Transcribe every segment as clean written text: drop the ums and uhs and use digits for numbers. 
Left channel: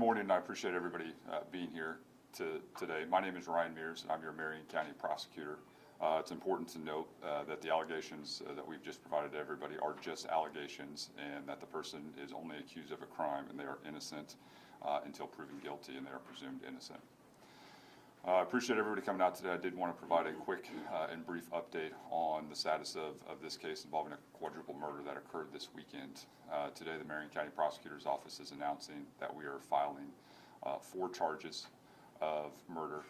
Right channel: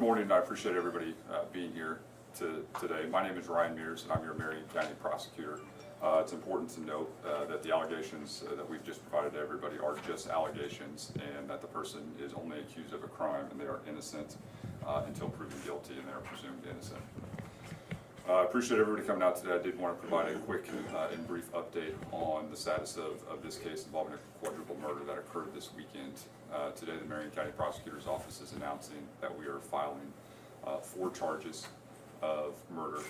good morning, and I appreciate everybody being here today. My name is Ryan Mears, and I'm your Marion County Prosecutor. It's important to note that the allegations that we've just provided to everybody are just allegations, and that the person is only accused of a crime and they are innocent until proven guilty, and they are presumed innocent. I appreciate everybody coming out today. I did want to provide a quick and brief update on the status of this case involving a quadruple murder that occurred this weekend. Today, the Marion County Prosecutor's Office is announcing that we are filing 4 charges of murder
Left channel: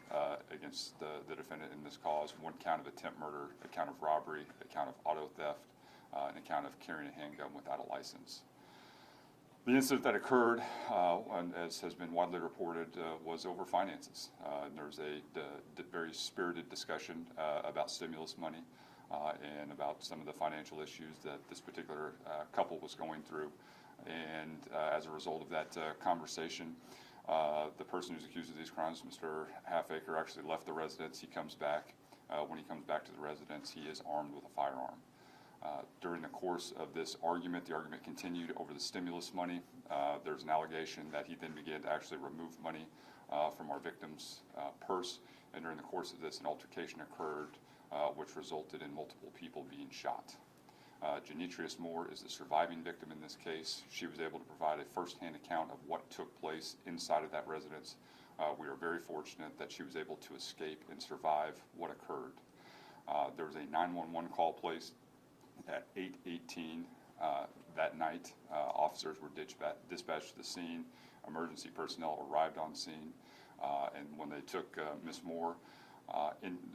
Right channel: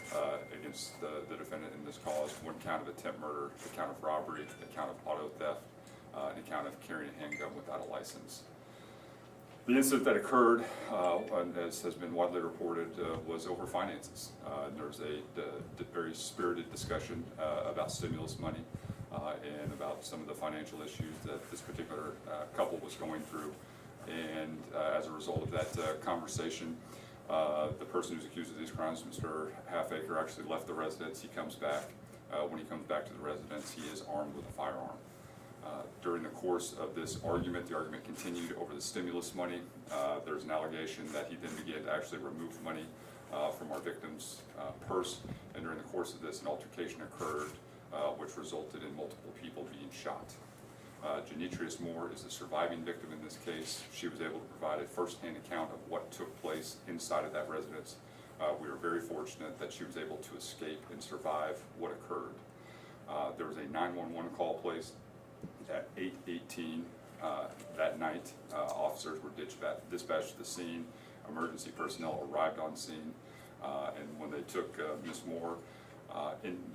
against the defendant in this cause: 1 count of attempt murder, a count of robbery, a count of auto theft, and a count of carrying a handgun without a license. The incident that occurred, as has been widely reported, was over finances. There was a very spirited discussion about stimulus money and about some of the financial issues that this particular couple was going through. And as a result of that conversation, the person who's accused of these crimes, Mr. Halfacre, actually left the residence. He comes back. When he comes back to the residence, he is armed with a firearm. During the course of this argument, the argument continued over the stimulus money. There's an allegation that he then began to actually remove money from our victim's purse, and during the course of this, an altercation occurred which resulted in multiple people being shot. Janitrius Moore is the surviving victim in this case. She was able to provide a first-hand account of what took place inside of that residence. We are very fortunate that she was able to escape and survive what occurred. There was a 911 call placed at 8:18 that night. Officers were dispatched to the scene. Emergency personnel arrived on scene, and when they took Ms. Moore,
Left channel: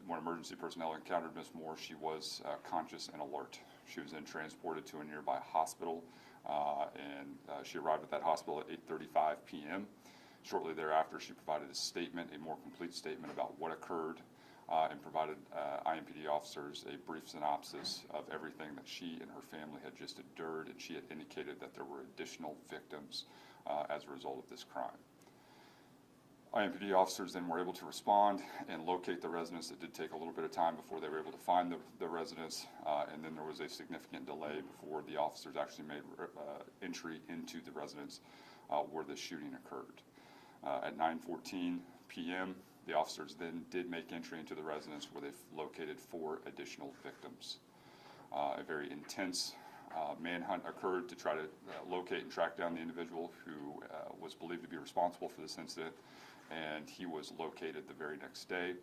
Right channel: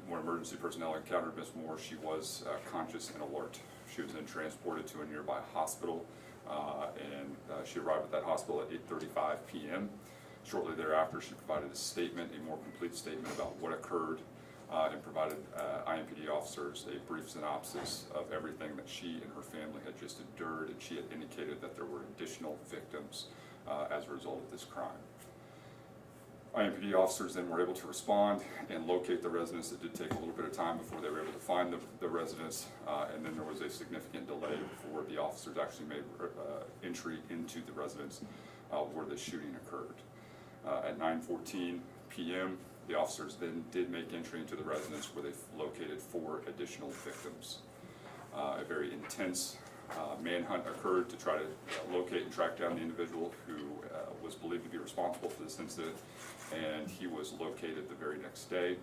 when emergency personnel encountered Ms. Moore, she was conscious and alert. She was then transported to a nearby hospital, and she arrived at that hospital at 8:35 p.m. Shortly thereafter, she provided a statement, a more complete statement about what occurred, and provided IMPD officers a brief synopsis of everything that she and her family had just endured, and she had indicated that there were additional victims as a result of this crime. IMPD officers then were able to respond and locate the residence. It did take a little bit of time before they were able to find the residence, and then there was a significant delay before the officers actually made entry into the residence where the shooting occurred. At 9:14 p.m., the officers then did make entry into the residence where they located 4 additional victims. A very intense manhunt occurred to try to locate and track down the individual who was believed to be responsible for this incident, and he was located the very next day.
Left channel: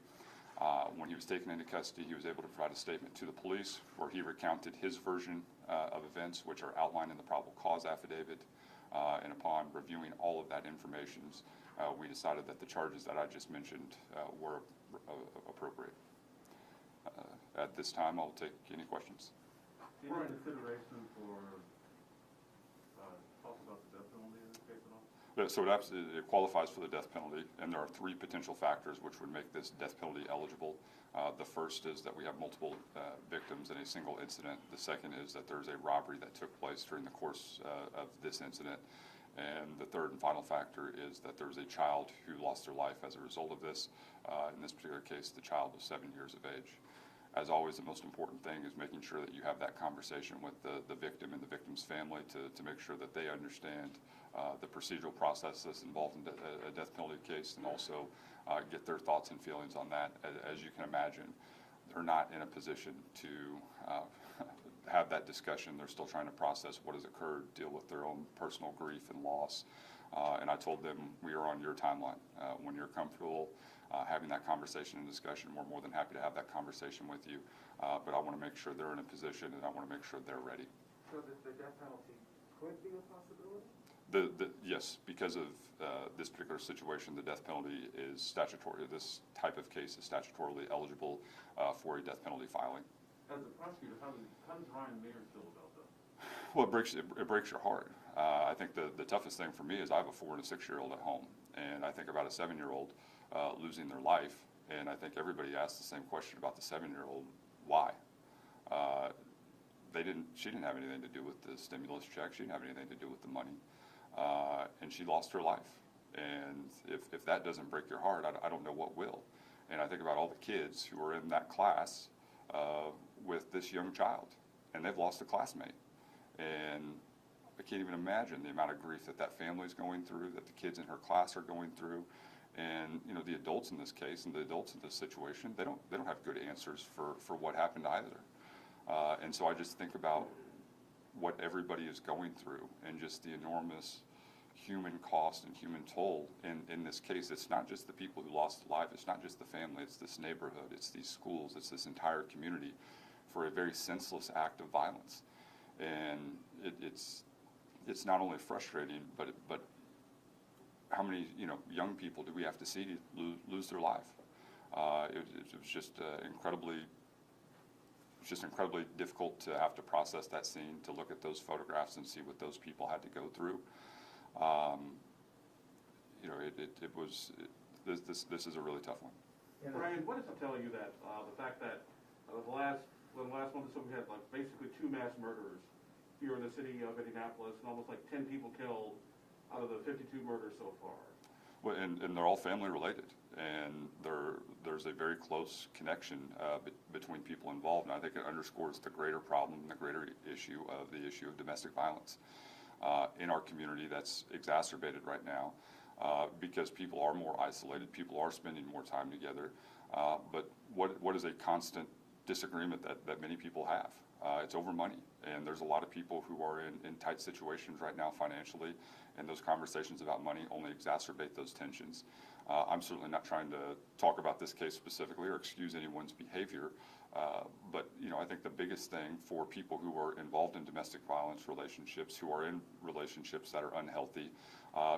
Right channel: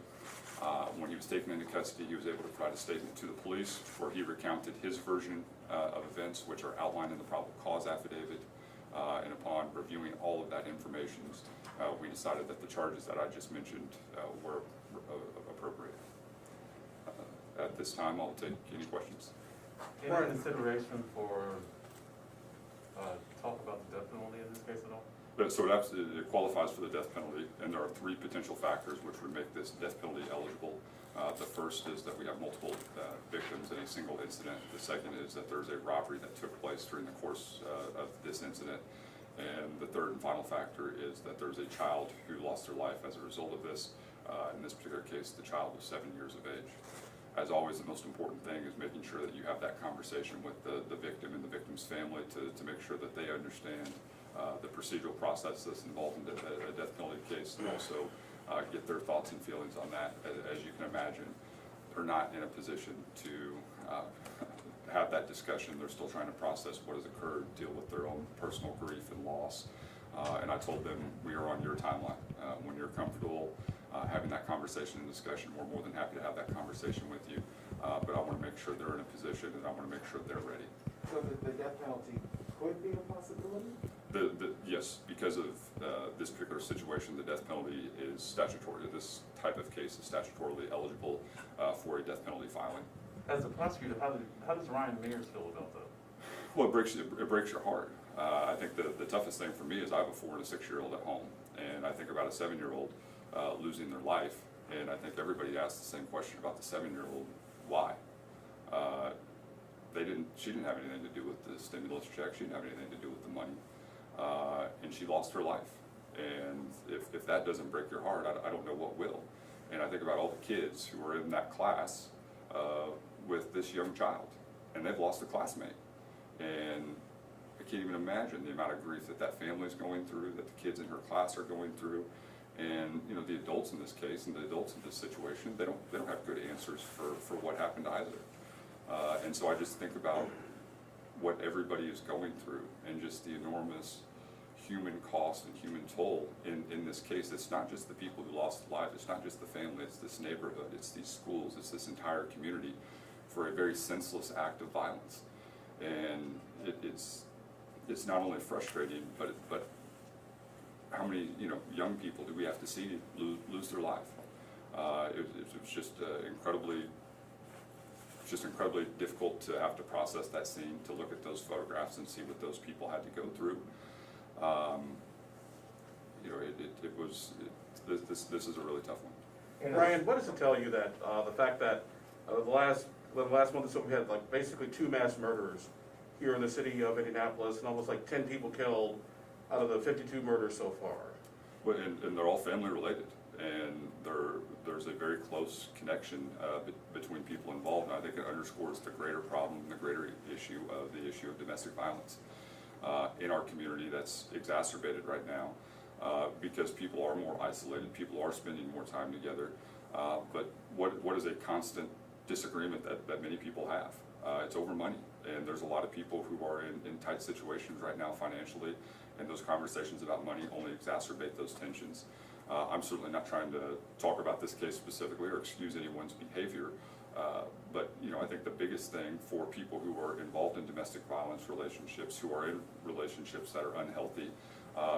When he was taken into custody, he was able to provide a statement to the police where he recounted his version of events, which are outlined in the probable cause affidavit, and upon reviewing all of that information, we decided that the charges that I just mentioned were appropriate. At this time, I'll take any questions. Any consideration for talk about the death penalty in this case at all? So it qualifies for the death penalty, and there are 3 potential factors which would make this death penalty eligible. The first is that we have multiple victims in a single incident. The second is that there's a robbery that took place during the course of this incident. And the third and final factor is that there's a child who lost their life as a result of this. In this particular case, the child was 7 years of age. As always, the most important thing is making sure that you have that conversation with the victim and the victim's family to make sure that they understand the procedural process that's involved in a death penalty case, and also get their thoughts and feelings on that. As you can imagine, they're not in a position to have that discussion. They're still trying to process what has occurred, deal with their own personal grief and loss. And I told them, we are on your timeline. When you're comfortable having that conversation and discussion, we're more than happy to have that conversation with you. But I want to make sure they're in a position, and I want to make sure they're ready. So the death penalty could be a possibility? Yes, because of this particular situation, the death penalty is statutory. This type of case is statutorily eligible for a death penalty filing. As a prosecutor, how does Ryan Mears feel about that? Well, it breaks your heart. I think the toughest thing for me is I have a 4- and a 6-year-old at home, and I think about a 7-year-old losing their life, and I think everybody asks the same question about the 7-year-old: why? She didn't have anything to do with the stimulus check. She didn't have anything to do with the money, and she lost her life. And if that doesn't break your heart, I don't know what will. And I think about all the kids who are in that class with this young child, and they've lost a classmate. And I can't even imagine the amount of grief that that family is going through, that the kids in her class are going through. And, you know, the adults in this case and the adults in this situation, they don't have good answers for what happened either. And so I just think about what everybody is going through and just the enormous human cost and human toll in this case. It's not just the people who lost lives, it's not just the family, it's this neighborhood, it's these schools, it's this entire community for a very senseless act of violence. And it's not only frustrating, but how many, you know, young people do we have to see lose their life? It's just incredibly difficult to have to process that scene, to look at those photographs and see what those people had to go through. You know, this is a really tough one. Ryan, what does it tell you that the fact that the last month or so we had like basically 2 mass murders here in the city of Indianapolis and almost like 10 people killed out of the 52 murders so far? Well, and they're all family related, and there's a very close connection between people involved, and I think it underscores the greater problem, the greater issue of domestic violence in our community that's exacerbated right now because people are more isolated, people are spending more time together, but what is a constant disagreement that many people have? It's over money, and there's a lot of people who are in tight situations right now financially, and those conversations about money only exacerbate those tensions. I'm certainly not trying to talk about this case specifically or excuse anyone's behavior, but you know, I think the biggest thing for people who are involved in domestic violence relationships, who are in relationships that are unhealthy,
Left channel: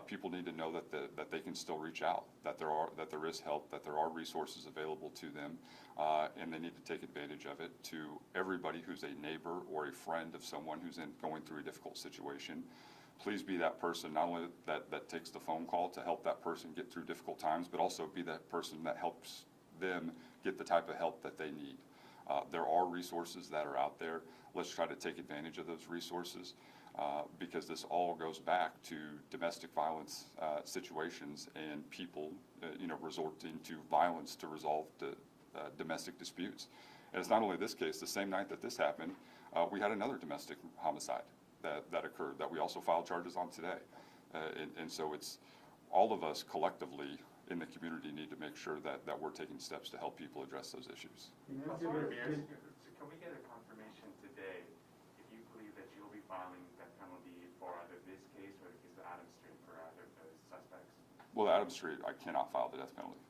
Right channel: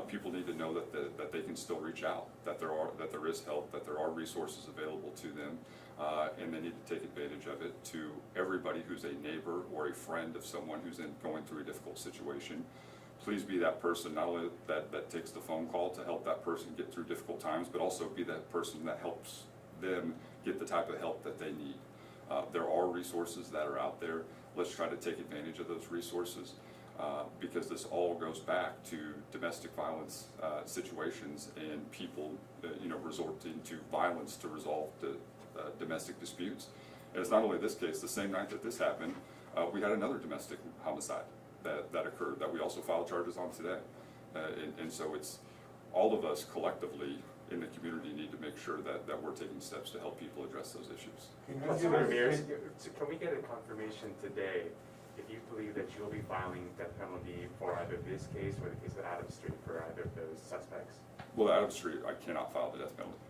people need to know that they can still reach out, that there is help, that there are resources available to them, and they need to take advantage of it. To everybody who's a neighbor or a friend of someone who's going through a difficult situation, please be that person, not only that takes the phone call to help that person get through difficult times, but also be that person that helps them get the type of help that they need. There are resources that are out there. Let's try to take advantage of those resources because this all goes back to domestic violence situations and people resorting to violence to resolve domestic disputes. And it's not only this case. The same night that this happened, we had another domestic homicide that occurred that we also filed charges on today. And so it's all of us collectively in the community need to make sure that we're taking steps to help people address those issues. Can we get a confirmation today if you believe that you'll be filing death penalty for either this case or the case of Adams Street for either of those suspects? Well, Adams Street, I cannot file the death penalty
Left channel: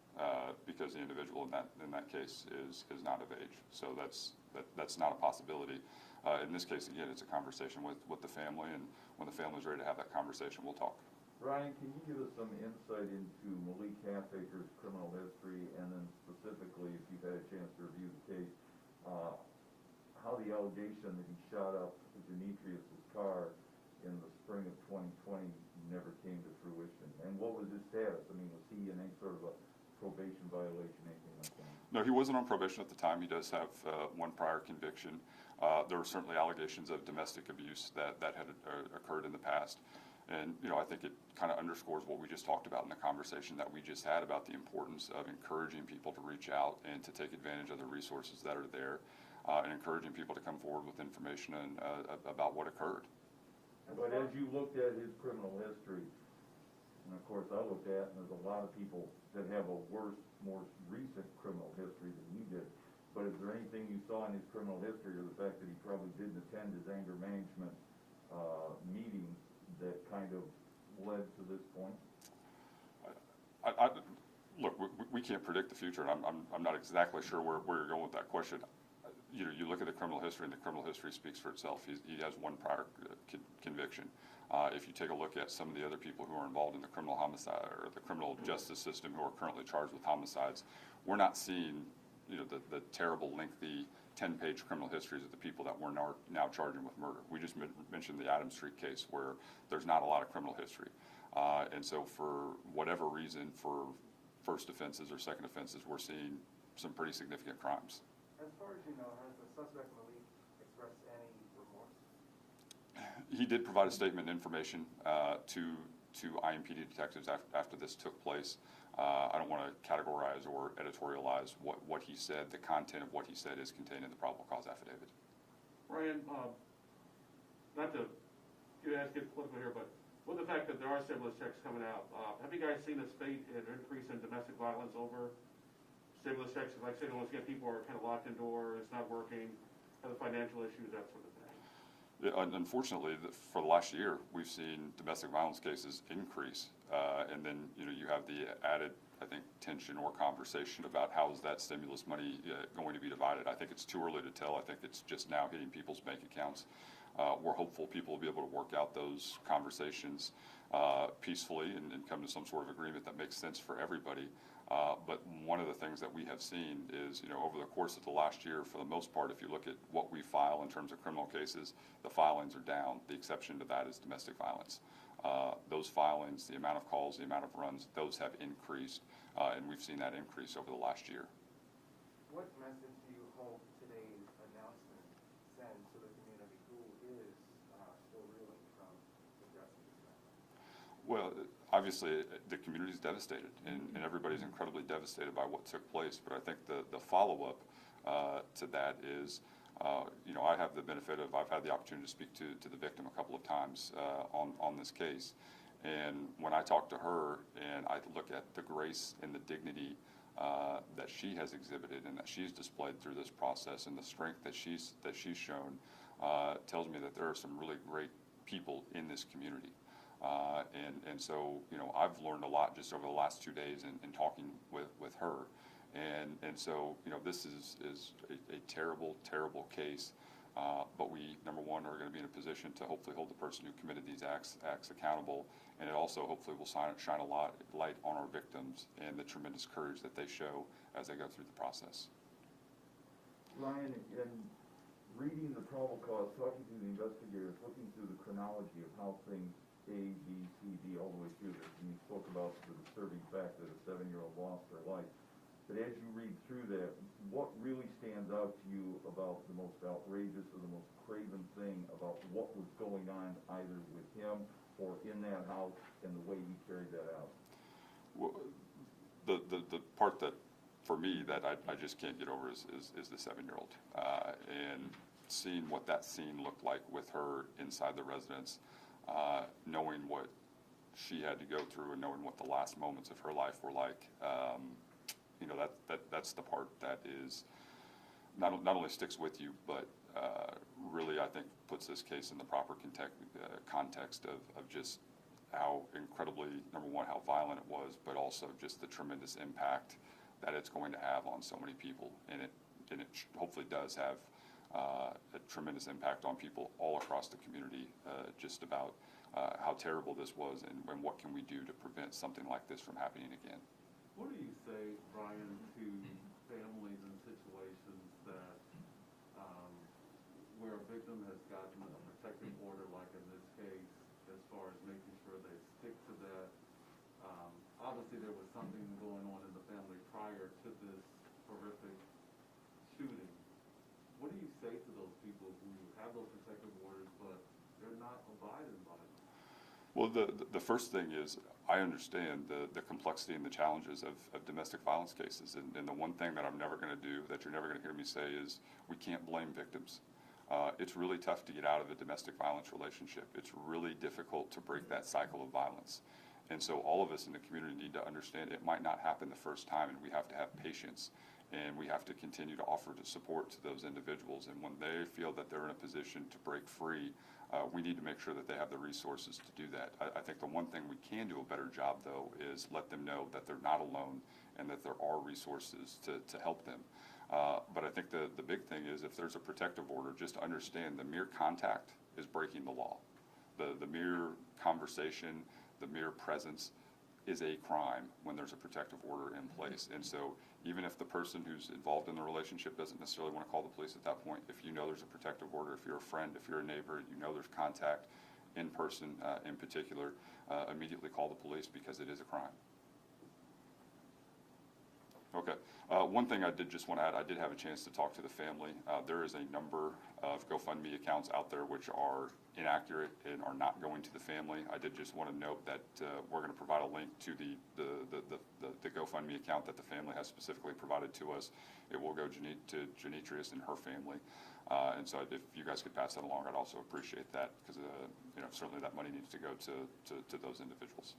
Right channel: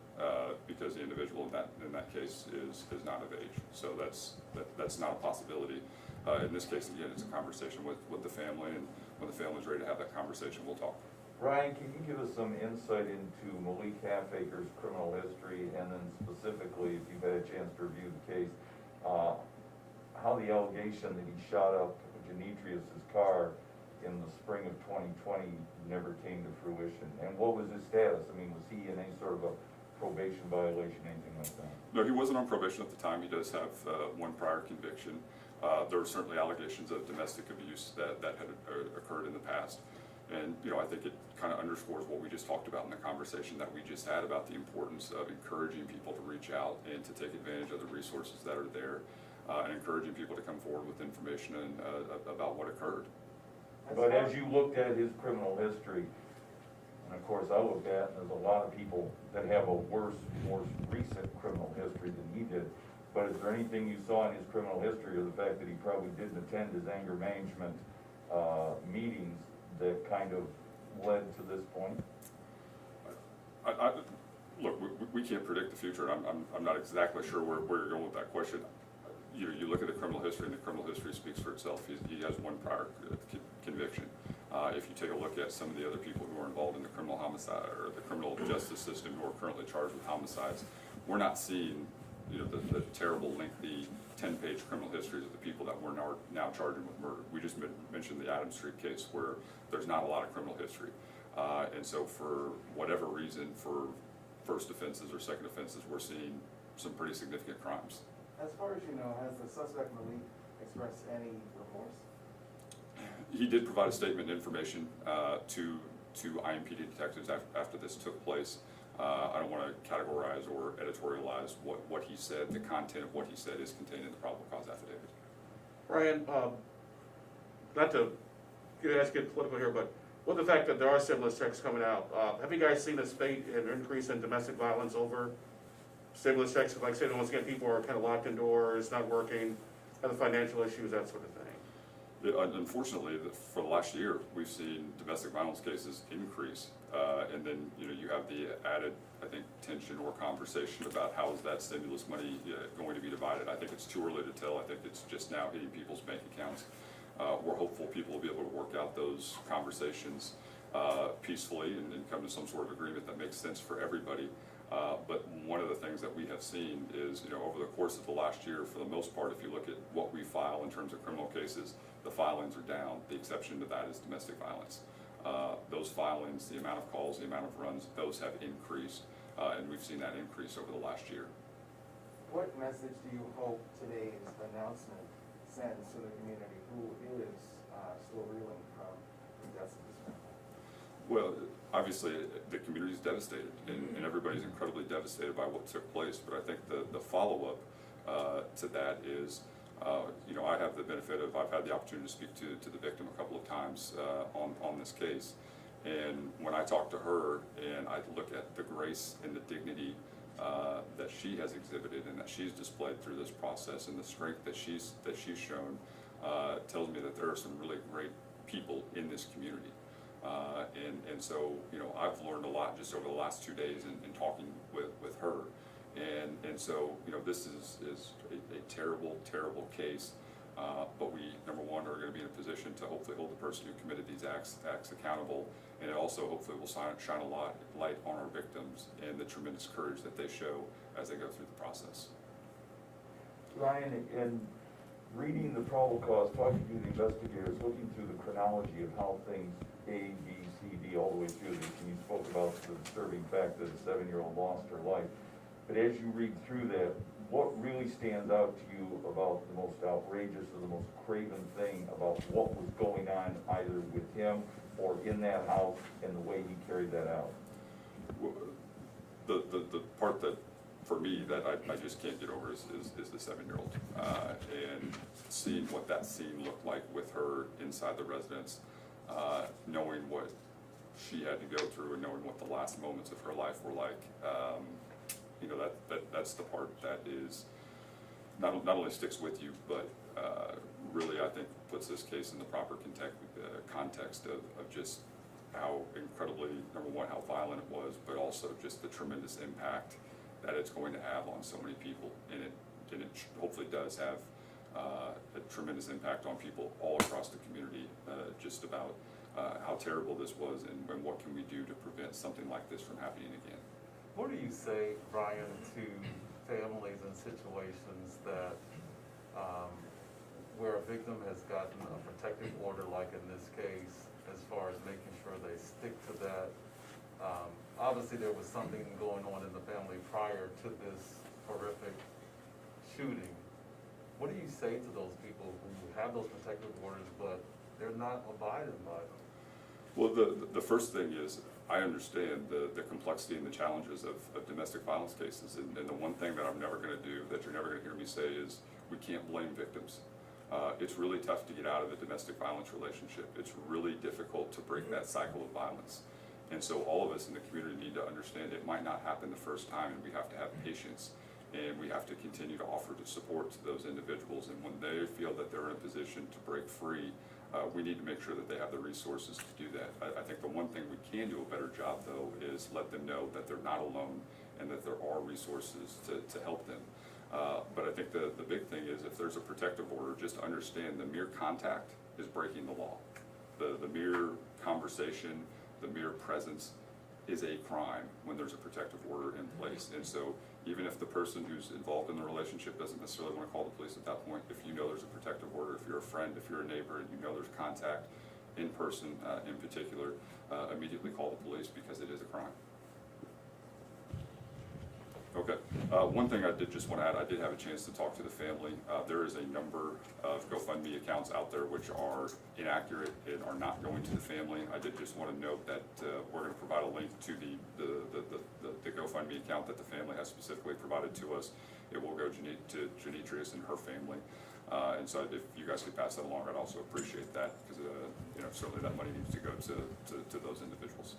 because the individual in that case is not of age. So that's not a possibility. In this case, again, it's a conversation with the family, and when the family's ready to have that conversation, we'll talk. Ryan, can you give us some insight into Malik Halfacre's criminal history, and then specifically, if you've had a chance to review the case, how the allegation that he shot up Demetrius's car in the spring of 2020 never came to fruition, and what was his status? I mean, was he in any sort of a probation violation, anything like that? No, he wasn't on probation at the time. He does have one prior conviction. There were certainly allegations of domestic abuse that had occurred in the past. And, you know, I think it kind of underscores what we just talked about in the conversation that we just had about the importance of encouraging people to reach out and to take advantage of the resources that are there, and encouraging people to come forward with information about what occurred. But as you looked at his criminal history, and of course I looked at, and there's a lot of people that have a worse, more recent criminal history than he did. But is there anything you saw in his criminal history, or the fact that he probably didn't attend his anger management meetings, that kind of led to this point? Look, we can't predict the future, and I'm not exactly sure where you're going with that question. You look at the criminal history, and the criminal history speaks for itself. He has one prior conviction. If you take a look at some of the other people who are involved in the criminal homicide or the criminal justice system who are currently charged with homicides, we're not seeing the terrible, lengthy 10-page criminal histories of the people that we're now charging with murder. We just mentioned the Adams Street case where there's not a lot of criminal history. And so for whatever reason, for first offenses or second offenses, we're seeing some pretty significant crimes. As far as you know, has the suspect Malik expressed any remorse? He did provide a statement information to IMPD detectives after this took place. I don't want to categorize or editorialize what he said. The content of what he said is contained in the probable cause affidavit. Ryan, not to to get political here, but with the fact that there are stimulus checks coming out, have you guys seen a spate and increase in domestic violence over stimulus checks? Like I said, once again, people are kind of locked indoors, not working, other financial issues, that sort of thing. Yeah, unfortunately, for the last year, we've seen domestic violence cases increase. And then, you have the added, I think, tension or conversation about how is that stimulus money going to be divided. I think it's too early to tell. I think it's just now hitting people's bank accounts. We're hopeful people will be able to work out those conversations peacefully and come to some sort of agreement that makes sense for everybody. But one of the things that we have seen is, over the course of the last year, for the most part, if you look at what we file in terms of criminal cases, the filings are down. The exception to that is domestic violence. Those filings, the amount of calls, the amount of runs, those have increased, and we've seen that increase over the last year. What message do you hope today's announcement sends to the community who is still reeling from the deaths of this family? Well, obviously, the community is devastated, and everybody's incredibly devastated by what took place, but I think the follow-up to that is, I have the benefit of, I've had the opportunity to speak to the victim a couple of times on this case, and when I talk to her and I look at the grace and the dignity that she has exhibited and that she's displayed through this process and the strength that she's shown, tells me that there are some really great people in this community. And so, I've learned a lot just over the last 2 days in talking with her. And so, this is a terrible, terrible case. But we, number one, are going to be in a position to hopefully hold the person who committed these acts accountable. And it also hopefully will shine a light on our victims and the tremendous courage that they show as they go through the process. Ryan, in reading the probable cause, talking to the investigators, looking through the chronology of how things A, B, C, D, all the way through this, and you spoke about the disturbing fact that a 7-year-old lost her life. But as you read through that, what really stands out to you about the most outrageous or the most craven thing about what was going on either with him or in that house and the way he carried that out? Well, the part that, for me, that I just can't get over is the 7-year-old. And seeing what that scene looked like with her inside the residence, knowing what she had to go through and knowing what the last moments of her life were like, that's the part that is not only sticks with you, but really, I think, puts this case in the proper context of just how incredibly, number one, how violent it was, but also just the tremendous impact that it's going to have on so many people. And it hopefully does have a tremendous impact on people all across the community, just about how terrible this was and what can we do to prevent something like this from happening again. What do you say, Brian, to families in situations that, where a victim has gotten a protective order, like in this case, as far as making sure they stick to that? Obviously, there was something going on in the family prior to this horrific shooting. What do you say to those people who have those protective orders, but they're not abiding by them? Well, the first thing is, I understand the complexity and the challenges of domestic violence cases, and the one thing that I'm never going to do, that you're never going to hear me say, is we can't blame victims. It's really tough to get out of a domestic violence relationship. It's really difficult to break that cycle of violence. And so all of us in the community need to understand it might not happen the first time, and we have to have patience, and we have to continue to offer support to those individuals. And when they feel that they're in a position to break free, we need to make sure that they have the resources to do that. I think the one thing we can do a better job, though, is let them know that they're not alone and that there are resources to help them. But I think the big thing is, if there's a protective order, just understand the mere contact is breaking the law. The mere conversation, the mere presence is a crime when there's a protective order in place. And so even if the person who's involved in the relationship doesn't necessarily want to call the police at that point, if you know there's a protective order, if you're a friend, if you're a neighbor, and you know there's contact in person in particular, immediately call the police, because it is a crime. Okay. One thing I did just want to add, I did have a chance to talk to the family. There is a number of GoFundMe accounts out there which are inaccurate and are not going to the family. I did just want to note that we're going to provide a link to the GoFundMe account that the family has specifically provided to us. It will go to Janitrius and her family. And so if you guys could pass that along, I'd also appreciate that, because certainly that money needs to go to those individuals.